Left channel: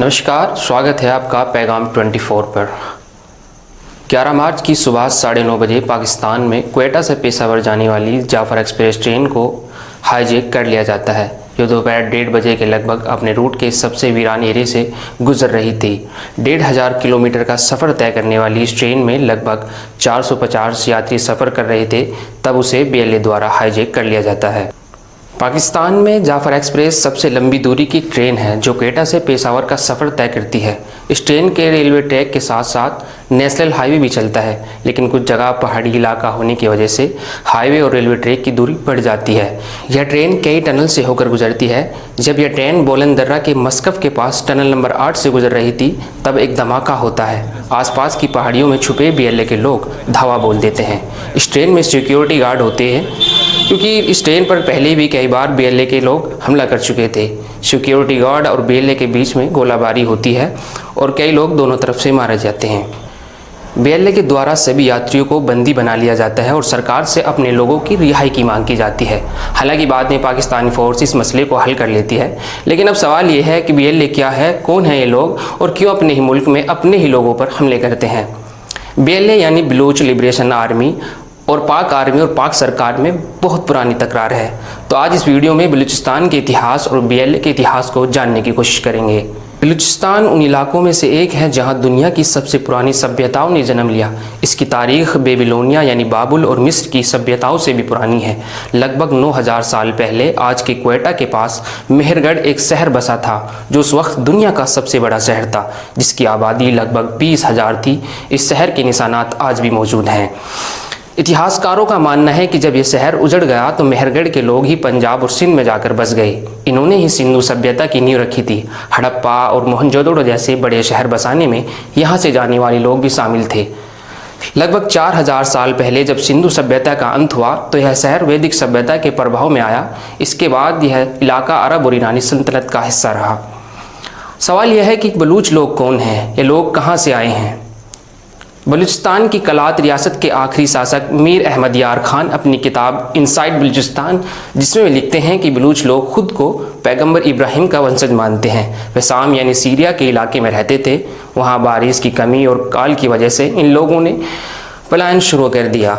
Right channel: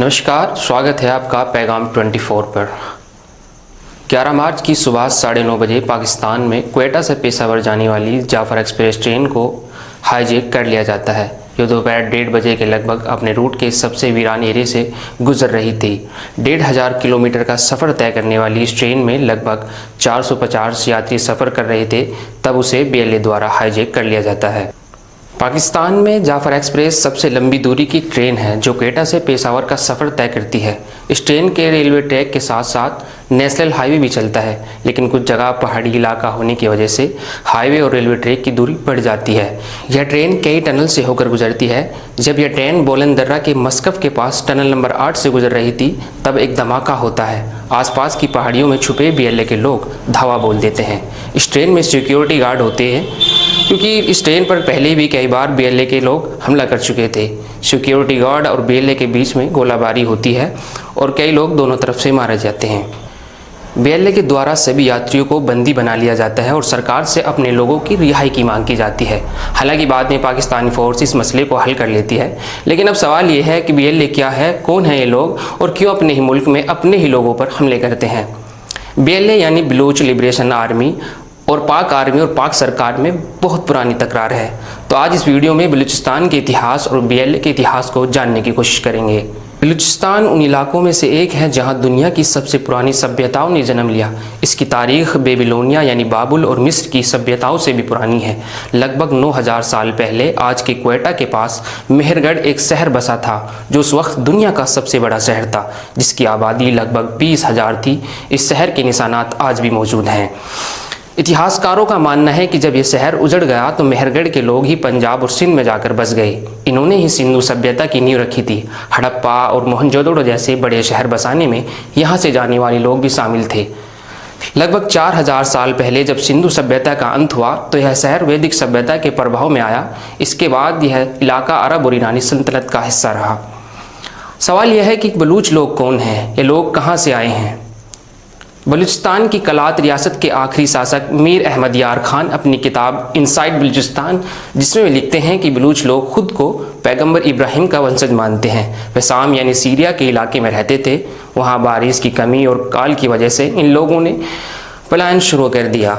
नमस्कार, स्वागत है आपका पैगाम 24 पर। 11 मार्च की सुबह 9:30 बजे पाकिस्तान में क्वेटा से पेशावर जाने वाली जाफर एक्सप्रेस ट्रेन को हाईजैक कर लिया जाता है। ये दोपहर 1:30 बजे के लगभग अपने रूट के सबसे वीरान एरिया से गुजर रही थी। 1500 किलोमीटर का सफ़र तय करने वाली इस ट्रेन में लगभग 450 यात्री सफ़र कर रहे थे, तब उसे BLA द्वारा हाईजैक कर लिया जाता है। पाकिस्तान में जाफर एक्सप्रेस सबसे लंबी दूरी की ट्रेन है जो क्वेटा से पेशावर का सफ़र तय करती है। इस ट्रेन के रेलवे ट्रैक के साथ साथ नेशनल हाईवे भी चलता है, लेकिन कुछ जगह पहाड़ी इलाका होने की वजह से हाईवे और रेलवे ट्रैक की दूरी बढ़ जाती है। यह ट्रेन कई टनल से होकर गुजरती है। जब यह ट्रेन बोलन दर्रा के मस्कफ के पास टनल नंबर 8 से गुजर रही थी, तब एक धमाका होता है। आसपास की पहाड़ियों में छुपे BLA के लोग धावा बोल देते हैं। इस ट्रेन में सिक्योरिटी गार्ड होते हैं, क्योंकि इस ट्रेन पर पहले भी कई बार BLA के लोग हमला कर चुके थे। सिक्योरिटी गार्ड और BLA के बीच में गोलाबारी होती है और कई लोग दोनों तरफ से मारे जाते हैं। BLA के द्वारा सभी यात्रियों को बंदी बना लिया जाता है और सरकार से अपने लोगों की रिहाई की मांग की जाती है। हालांकि बाद में पाकिस्तानी फोर्स इस मसले को हल कर लेती है, लेकिन अब सवाल ये है कि BLA क्या है, कौन है ये लोग और क्यों अपने ही मुल्क में अपने ही लोगों पर हमले करते हैं। BLA यानी बलूच लिबरेशन आर्मी और पाक आर्मी और पाक सरकार में बहुत पुरानी तकरार है। तो आज इस वीडियो में बलूचिस्तान के इतिहास और BLA के इतिहास को जानने की कोशिश करेंगे। बलूचिस्तान उन इलाकों में से एक है जहां दुनिया की सबसे पुरानी सभ्यताओं ने जन्म लिया। इसकी तारीख बेबीलोनिया यानी बाबुल और मिस्र की सभ्यताओं से भी पुरानी है। लगभग 9000 साल पहले आज के क्वेटा के पास मेहरगढ़ एक शहर बसा था, जो उस वक्त दुनिया का सबसे बड़ा शहर था, जिसकी आबादी लगभग 20,000 थी। इस शहर के निशानात आज भी मौजूद हैं। इतिहासकारों का मानना है कि जब यह शहर उजड़ गया तो मेहरगढ़ के लोग ही पंजाब और सिंध में जाकर बस गए। इन्होंने ही सिंधु सभ्यता की नींव रखी थी। हड़प्पा और मोहनजोदड़ो जैसे बड़े शहर बसाने में यहाँ से जाने वाले लोग भी शामिल थे। लगभग 4000 साल पहले जब सिंधु सभ्यता का अंत हुआ तो यह शहर वैदिक सभ्यता के प्रभाव में आया। इसके बाद यह इलाका अरब और ईरानी सल्तनत का हिस्सा रहा। सवाल यह है कि बलूच लोग कौन हैं, ये लोग कहाँ से आए हैं। बलूचिस्तान की कलात रियासत के आखिरी शासक मीर अहमद यार खान अपनी किताब इनसाइड बलूचिस्तान, जिसमें वे लिखते हैं कि बलूच लोग खुद को पैगंबर इब्राहिम का वंशज मानते हैं। वे शाम यानी सीरिया के इलाके में रहते थे। वहाँ बारिश की कमी और काल की वजह से इन लोगों ने पलायन शुरू कर दिया।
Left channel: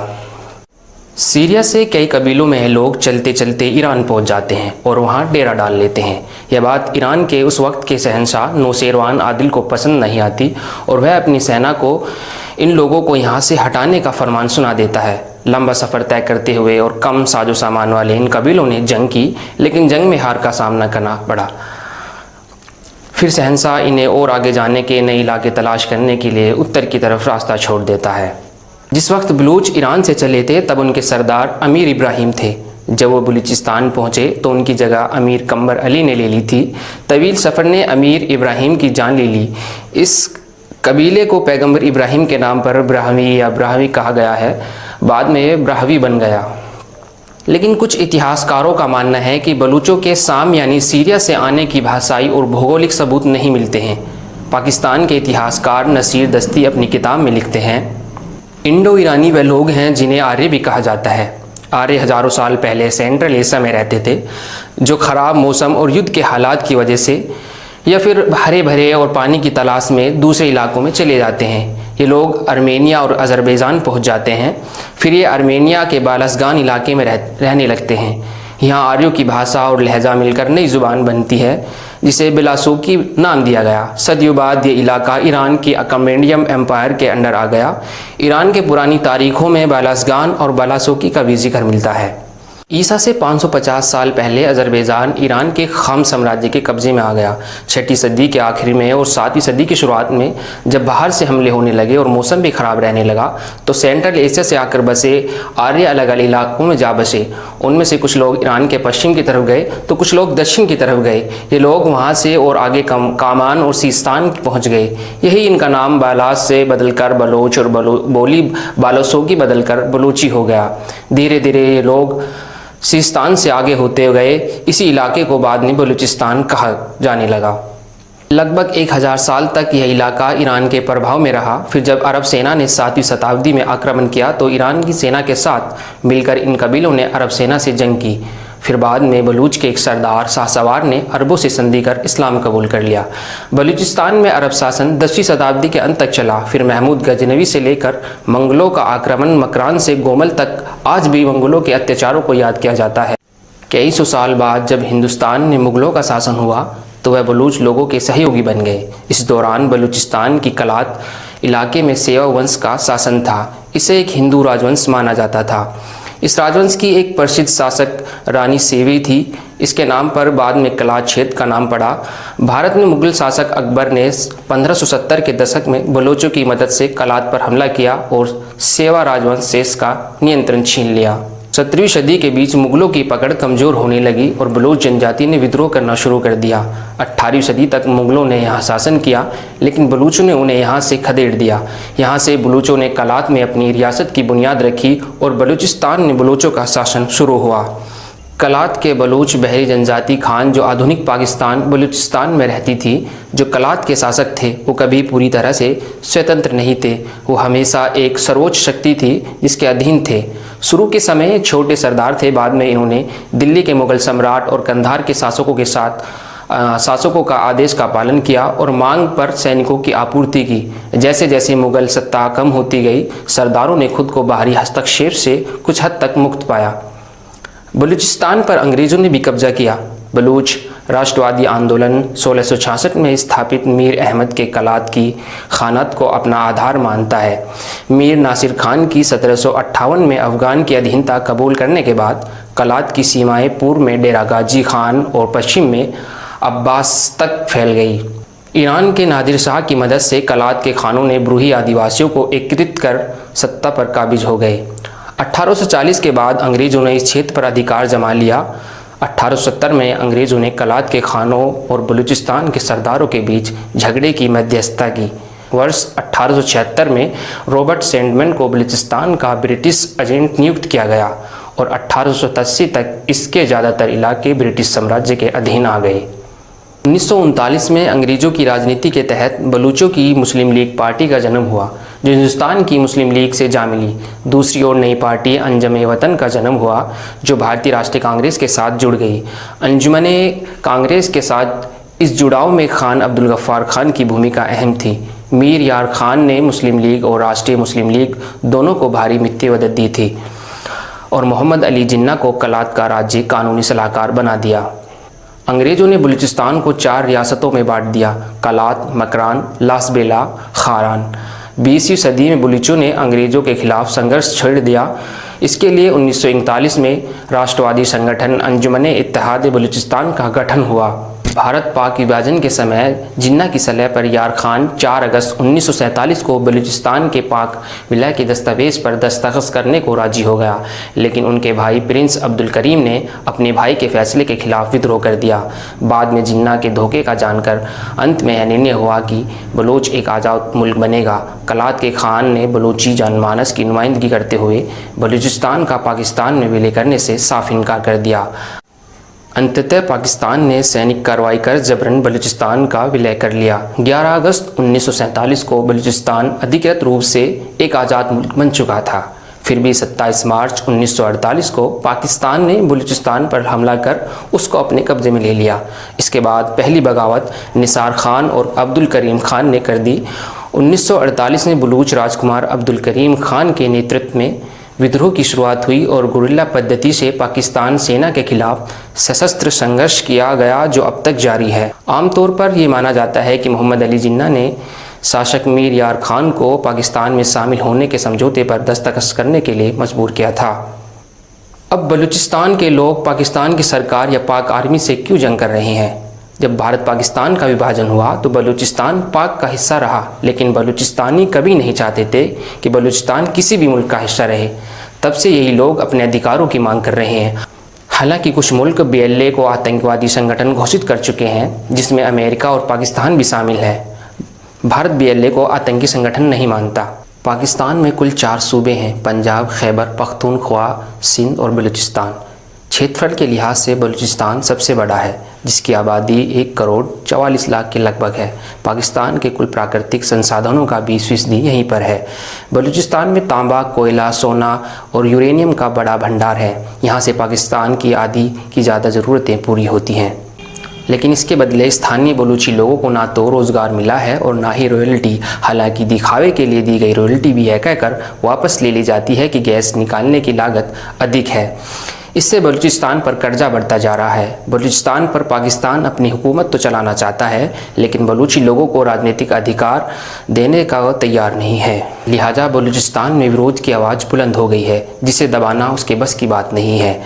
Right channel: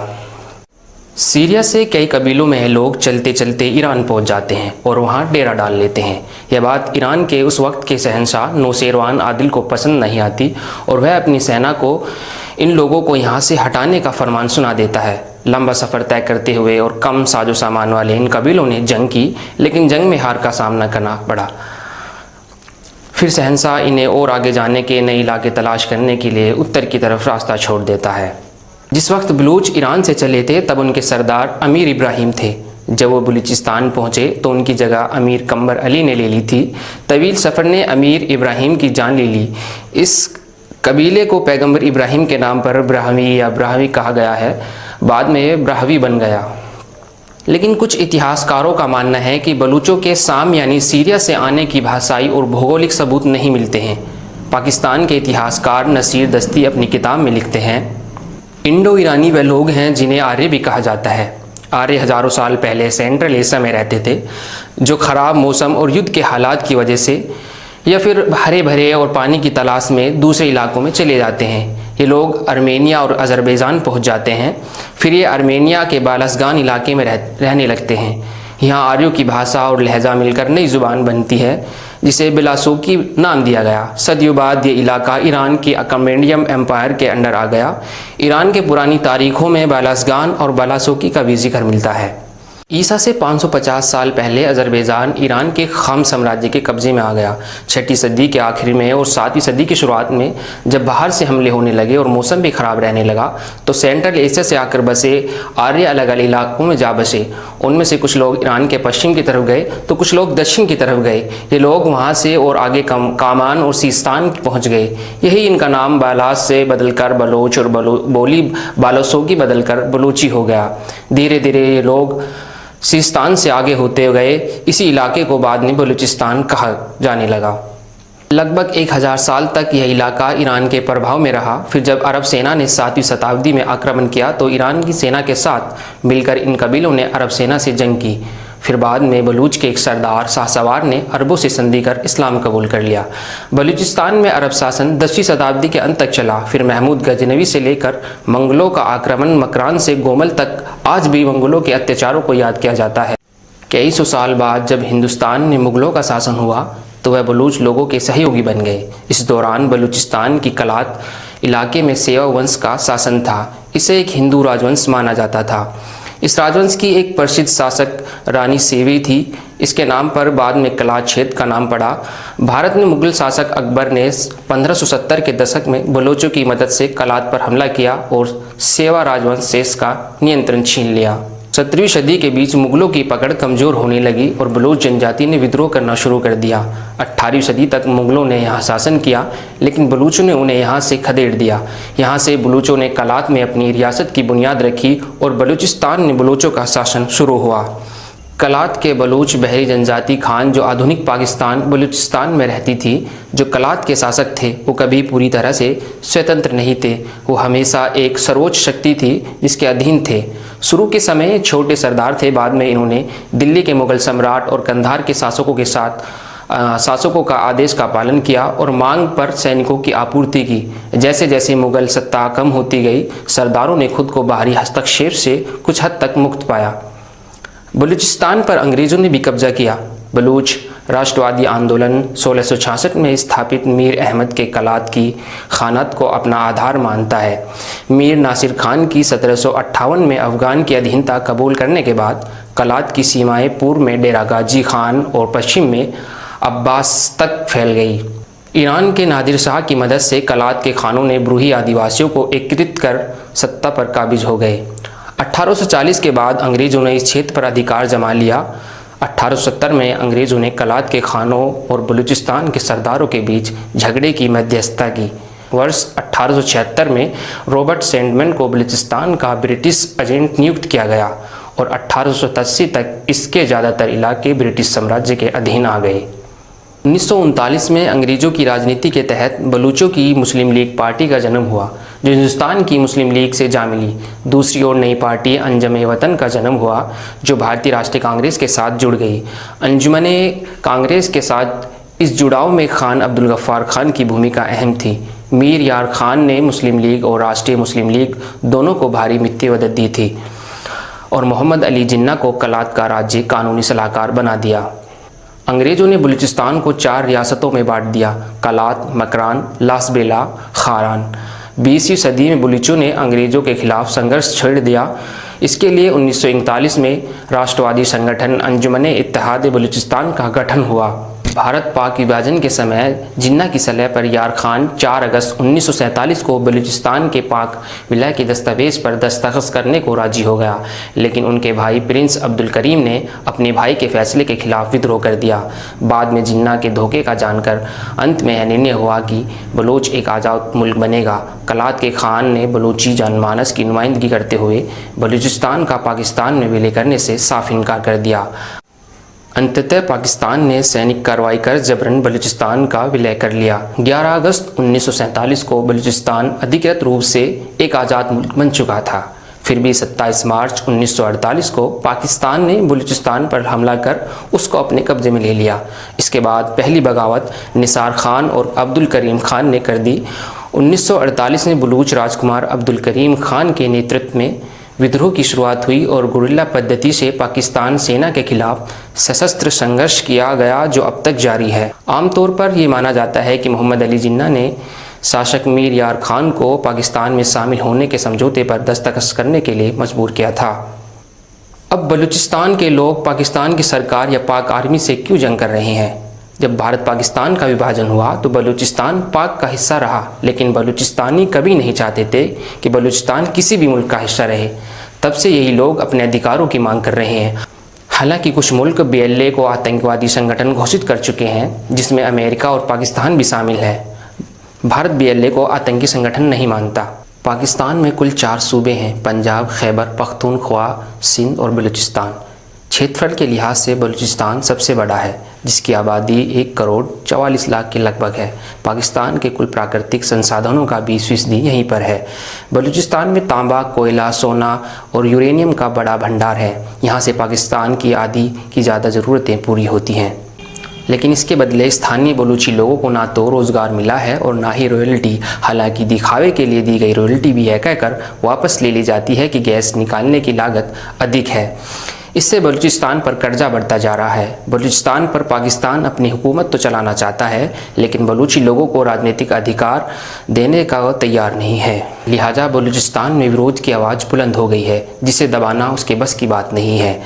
सीरिया से कई कबीलों में लोग चलते चलते ईरान पहुंच जाते हैं और वहां डेरा डाल लेते हैं। यह बात ईरान के उस वक्त के शहंशाह नौशेरवान आदिल को पसंद नहीं आती और वह अपनी सेना को इन लोगों को यहाँ से हटाने का फरमान सुना देता है। लंबा सफ़र तय करते हुए और कम साजो सामान वाले इन कबीलों ने जंग की, लेकिन जंग में हार का सामना करना पड़ा। फिर शहंशाह इन्हें और आगे जाने के नए इलाके तलाश करने के लिए उत्तर की तरफ रास्ता छोड़ देता है। जिस वक्त बलूच ईरान से चले थे तब उनके सरदार अमीर इब्राहिम थे। जब वो बलूचिस्तान पहुंचे तो उनकी जगह अमीर कम्बर अली ने ले ली थी। तवील सफ़र ने अमीर इब्राहिम की जान ले ली। इस कबीले को पैगंबर इब्राहिम के नाम पर ब्राह्मी या ब्राह्मी कहा गया है। बाद में ब्राह्वी बन गया। लेकिन कुछ इतिहासकारों का मानना है कि बलूचों के शाम यानी सीरिया से आने की भाषाई और भौगोलिक सबूत नहीं मिलते हैं। पाकिस्तान के इतिहासकार नसीर दस्ती अपनी किताब में लिखते हैं, इंडो ईरानी वे लोग हैं जिन्हें आर्य भी कहा जाता है। आर्य हजारों साल पहले सेंट्रल एशिया में रहते थे, जो खराब मौसम और युद्ध के हालात की वजह से या फिर हरे भरे और पानी की तलाश में दूसरे इलाकों में चले जाते हैं। ये लोग आर्मेनिया और अजरबैजान पहुंच जाते हैं। फिर ये आर्मेनिया के बालसगान इलाके में रहने लगते हैं। यहाँ आर्यों की भाषा और लहजा मिलकर नई जुबान बनती है, जिसे बिलासोकी नाम दिया गया। सदियों बाद ये इलाका ईरान की अकमेंडियम एम्पायर के अंडर आ गया। ईरान के पुरानी तारीखों में बालसगान और बालासोकी का भी जिक्र मिलता है। ईसा से 550 साल पहले अजरबैजान ईरान के खाम साम्राज्य के कब्जे में आ गया। 6वीं सदी के आखिर में और 7वीं सदी की शुरुआत में जब बाहर से हमले होने लगे और मौसम भी खराब रहने लगा तो सेंट्रल एशिया से आकर बसे आर्य अलग अलग इलाकों में जा बसे। उनमें से कुछ लोग ईरान के पश्चिम की तरफ गए तो कुछ लोग दक्षिण की तरफ गए। ये लोग वहाँ से और आगे कामान और सीस्तान पहुँच गए। यही इनका नाम बालास से बदलकर बलोच और बोली बालोसोगी बदलकर बलूची हो गया। धीरे धीरे ये लोग सिस्तान से आगे होते गए। इसी इलाके को बाद में बलूचिस्तान कहा जाने लगा। लगभग 1000 साल तक यह इलाका ईरान के प्रभाव में रहा। फिर जब अरब सेना ने 7वीं शताब्दी में आक्रमण किया तो ईरान की सेना के साथ मिलकर इन कबीलों ने अरब सेना से जंग की। फिर बाद में बलूच के एक सरदार शाहसवार ने अरबों से संधि कर इस्लाम कबूल कर लिया। बलूचिस्तान में अरब शासन 10वीं शताब्दी के अंत तक चला। फिर महमूद गजनवी से लेकर मंगलों का आक्रमण मकरान से गोमल तक आज भी मंगलों के अत्याचारों को याद किया जाता है। कई सौ साल बाद जब हिंदुस्तान में मुगलों का शासन हुआ तो वह बलूच लोगों के सहयोगी बन गए। इस दौरान बलूचिस्तान की कलात इलाके में सेवा वंश का शासन था। इसे एक हिंदू राजवंश माना जाता था। इस राजवंश की एक प्रसिद्ध शासक रानी सेवी थी। इसके नाम पर बाद में कलात क्षेत्र का नाम पड़ा। भारत में मुगल शासक अकबर ने 1570 के दशक में बलोचों की मदद से कलात पर हमला किया और सेवा राजवंश से इसका नियंत्रण छीन लिया। 17वीं सदी के बीच मुगलों की पकड़ कमजोर होने लगी और बलोच जनजाति ने विद्रोह करना शुरू कर दिया। 18वीं सदी तक मुगलों ने यहाँ शासन किया, लेकिन बलूचों ने उन्हें यहाँ से खदेड़ दिया। यहाँ से बलूचों ने कलात में अपनी रियासत की बुनियाद रखी और बलूचिस्तान में बलूचों का शासन शुरू हुआ। कलात के बलूच बहरी जनजाति खान जो आधुनिक पाकिस्तान बलूचिस्तान में रहती थी, जो कलात के शासक थे, वो कभी पूरी तरह से स्वतंत्र नहीं थे। वो हमेशा एक सर्वोच्च शक्ति थी जिसके अधीन थे। शुरू के समय छोटे सरदार थे। बाद में इन्होंने दिल्ली के मुगल सम्राट और कंधार के शासकों का आदेश का पालन किया और मांग पर सैनिकों की आपूर्ति की। जैसे जैसे मुगल सत्ता कम होती गई, सरदारों ने खुद को बाहरी हस्तक्षेप से कुछ हद तक मुक्त पाया। बलूचिस्तान पर अंग्रेजों ने भी कब्जा किया। बलूच राष्ट्रवादी आंदोलन 1666 में स्थापित मीर अहमद के कलात की खानत को अपना आधार मानता है। मीर नासिर खान की 1758 में अफगान की अधीनता कबूल करने के बाद कलात की सीमाएं पूर्व में डेरा गाजी खान और पश्चिम में अब्बास तक फैल गई। ईरान के नादिर शाह की मदद से कलात के खानों ने ब्रूही आदिवासियों को एकीकृत कर सत्ता पर काबिज हो गए। 1840 के बाद अंग्रेजों ने इस क्षेत्र पर अधिकार जमा लिया। 1870 में अंग्रेजों ने कलात के खानों और बलूचिस्तान के सरदारों के बीच झगड़े की मध्यस्थता की। वर्ष 1876 में रॉबर्ट सैंडमैन को बलूचिस्तान का ब्रिटिश एजेंट नियुक्त किया गया और 1880 तक इसके ज़्यादातर इलाके ब्रिटिश साम्राज्य के अधीन आ गए। 1939 में अंग्रेजों की राजनीति के तहत बलूचों की मुस्लिम लीग पार्टी का जन्म हुआ, जो हिंदुस्तान की मुस्लिम लीग से जा मिली। दूसरी ओर नई पार्टी अंजुमन वतन का जन्म हुआ, जो भारतीय राष्ट्रीय कांग्रेस के साथ जुड़ गई। अंजुमन कांग्रेस के साथ इस जुड़ाव में खान अब्दुल गफ्फार खान की भूमिका अहम थी। मीर यार खान ने मुस्लिम लीग और राष्ट्रीय मुस्लिम लीग दोनों को भारी मित्ती मदद दी थी और मोहम्मद अली जिन्ना को कलात का राज्य कानूनी सलाहकार बना दिया। अंग्रेजों ने बलूचिस्तान को 4 रियासतों में बांट दिया: कलात, मकरान, लासबेला, खारान। 20वीं सदी में बलूचों ने अंग्रेजों के खिलाफ संघर्ष छेड़ दिया। इसके लिए 1939 में राष्ट्रवादी संगठन अंजुमन इत्तेहाद बलूचिस्तान का गठन हुआ। भारत पाक विभाजन के समय जिन्ना की सलाह पर यार खान 4 अगस्त 1947 को बलूचिस्तान के पाक विलय के दस्तावेज पर दस्तखत करने को राजी हो गया, लेकिन उनके भाई प्रिंस अब्दुल करीम ने अपने भाई के फैसले के खिलाफ विद्रोह कर दिया। बाद में जिन्ना के धोखे का जानकर अंत में यह निर्णय हुआ कि बलूच एक आज़ाद मुल्क बनेगा। कलात के खान ने बलूची जनमानस की नुमाइंदगी करते हुए बलूचिस्तान का पाकिस्तान में विलय करने से साफ इनकार कर दिया। अंततः पाकिस्तान ने सैनिक कार्रवाई कर जबरन बलूचिस्तान का विलय कर लिया। 11 अगस्त 1947 को बलूचिस्तान अधिकृत रूप से एक आज़ाद मुल्क बन चुका था। फिर भी 27 मार्च 1948 को पाकिस्तान ने बलूचिस्तान पर हमला कर उसको अपने कब्जे में ले लिया। इसके बाद पहली बगावत निसार खान और अब्दुल करीम खान ने कर दी। 1948 में बलूच राजकुमार अब्दुल करीम खान के नेतृत्व में विद्रोह की शुरुआत हुई और गुरिल्ला पद्धति से पाकिस्तान सेना के खिलाफ सशस्त्र संघर्ष किया गया, जो अब तक जारी है। आमतौर पर यह माना जाता है कि मोहम्मद अली जिन्ना ने शासक मीर यार खान को पाकिस्तान में शामिल होने के समझौते पर दस्तखत करने के लिए मजबूर किया था। अब बलूचिस्तान के लोग पाकिस्तान की सरकार या पाक आर्मी से क्यों जंग कर रहे हैं? जब भारत पाकिस्तान का विभाजन हुआ तो बलूचिस्तान पाक का हिस्सा रहा, लेकिन बलूचिस्तानी कभी नहीं चाहते थे कि बलूचिस्तान किसी भी मुल्क का हिस्सा रहे। तब से यही लोग अपने अधिकारों की मांग कर रहे हैं। हालांकि कुछ मुल्क BLA को आतंकवादी संगठन घोषित कर चुके हैं, जिसमें अमेरिका और पाकिस्तान भी शामिल है। भारत BLA को आतंकी संगठन नहीं मानता। पाकिस्तान में कुल 4 सूबे हैं: पंजाब, खैबर पख्तूनख्वा, सिंध और बलूचिस्तान। क्षेत्रफल के लिहाज से बलूचिस्तान सबसे बड़ा है, जिसकी आबादी 1,44,00,000 के लगभग है। पाकिस्तान के कुल प्राकृतिक संसाधनों का 20% यहीं पर है। बलूचिस्तान में तांबा, कोयला, सोना और यूरेनियम का बड़ा भंडार है। यहाँ से पाकिस्तान की आधी की ज़्यादा ज़रूरतें पूरी होती हैं। लेकिन इसके बदले स्थानीय बलूची लोगों को ना तो रोज़गार मिला है और ना ही रॉयल्टी। हालांकि दिखावे के लिए दी गई रॉयल्टी भी यह कहकर वापस ले ली जाती है कि गैस निकालने की लागत अधिक है। इससे बलूचिस्तान पर कर्जा बढ़ता जा रहा है। बलूचिस्तान पर पाकिस्तान अपनी हुकूमत तो चलाना चाहता है, लेकिन बलूची लोगों को राजनीतिक अधिकार देने का तैयार नहीं है। लिहाजा बलूचिस्तान में विरोध की आवाज़ बुलंद हो गई है, जिसे दबाना उसके बस की बात नहीं है।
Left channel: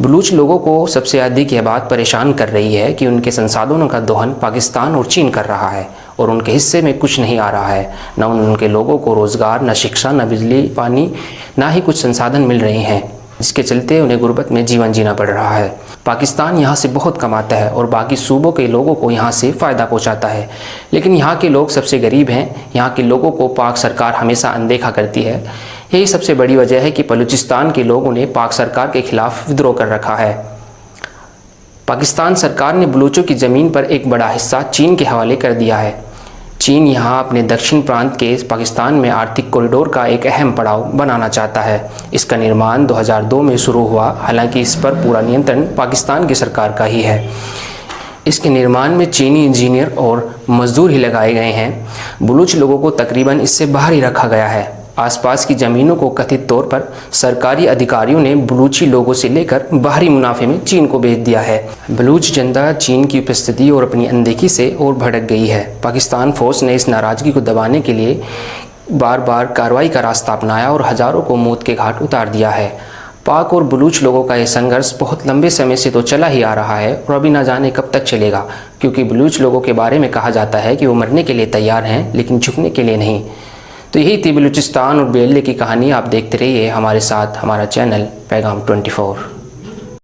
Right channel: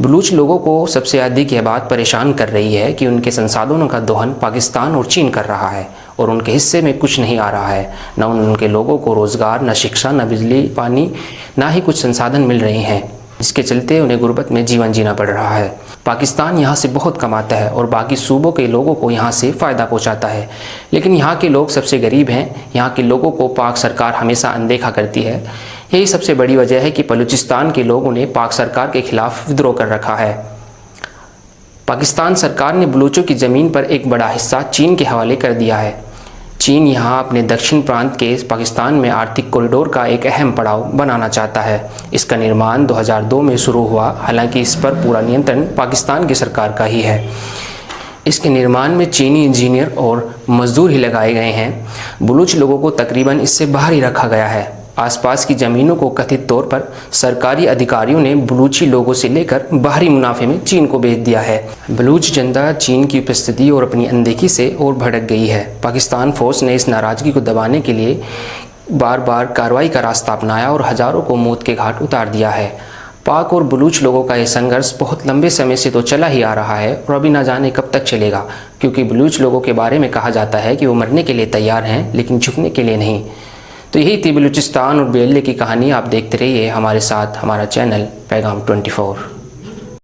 बलूच लोगों को सबसे अधिक यह बात परेशान कर रही है कि उनके संसाधनों का दोहन पाकिस्तान और चीन कर रहा है और उनके हिस्से में कुछ नहीं आ रहा है। न उनके लोगों को रोज़गार, न शिक्षा, न बिजली पानी, न ही कुछ संसाधन मिल रहे हैं, जिसके चलते उन्हें गुर्बत में जीवन जीना पड़ रहा है। पाकिस्तान यहाँ से बहुत कमाता है और बाकी सूबों के लोगों को यहाँ से फ़ायदा पहुँचाता है, लेकिन यहाँ के लोग सबसे गरीब हैं। यहाँ के लोगों को पाक सरकार हमेशा अनदेखा करती है। यही सबसे बड़ी वजह है कि बलूचिस्तान के लोगों ने पाक सरकार के खिलाफ विद्रोह कर रखा है। पाकिस्तान सरकार ने बलूचों की ज़मीन पर एक बड़ा हिस्सा चीन के हवाले कर दिया है। चीन यहाँ अपने दक्षिण प्रांत के पाकिस्तान में आर्थिक कॉरिडोर का एक अहम पड़ाव बनाना चाहता है। इसका निर्माण 2002 में शुरू हुआ, हालांकि इस पर पूरा नियंत्रण पाकिस्तान की सरकार का ही है। इसके निर्माण में चीनी इंजीनियर और मजदूर ही लगाए गए हैं। बलूच लोगों को तकरीबन इससे बाहर ही रखा गया है। आसपास की ज़मीनों को कथित तौर पर सरकारी अधिकारियों ने बलूची लोगों से लेकर बाहरी मुनाफे में चीन को बेच दिया है। बलूच जनता चीन की उपस्थिति और अपनी अनदेखी से और भड़क गई है। पाकिस्तान फोर्स ने इस नाराज़गी को दबाने के लिए बार बार कार्रवाई का रास्ता अपनाया और हज़ारों को मौत के घाट उतार दिया है। पाक और बलूच लोगों का यह संघर्ष बहुत लंबे समय से तो चला ही आ रहा है और अभी ना जाने कब तक चलेगा, क्योंकि बलूच लोगों के बारे में कहा जाता है कि वो मरने के लिए तैयार हैं, लेकिन झुकने के लिए नहीं। तो यही थी बलूचिस्तान और बेल्ले की कहानी। आप देखते रहिए हमारे साथ हमारा चैनल पैगाम 24।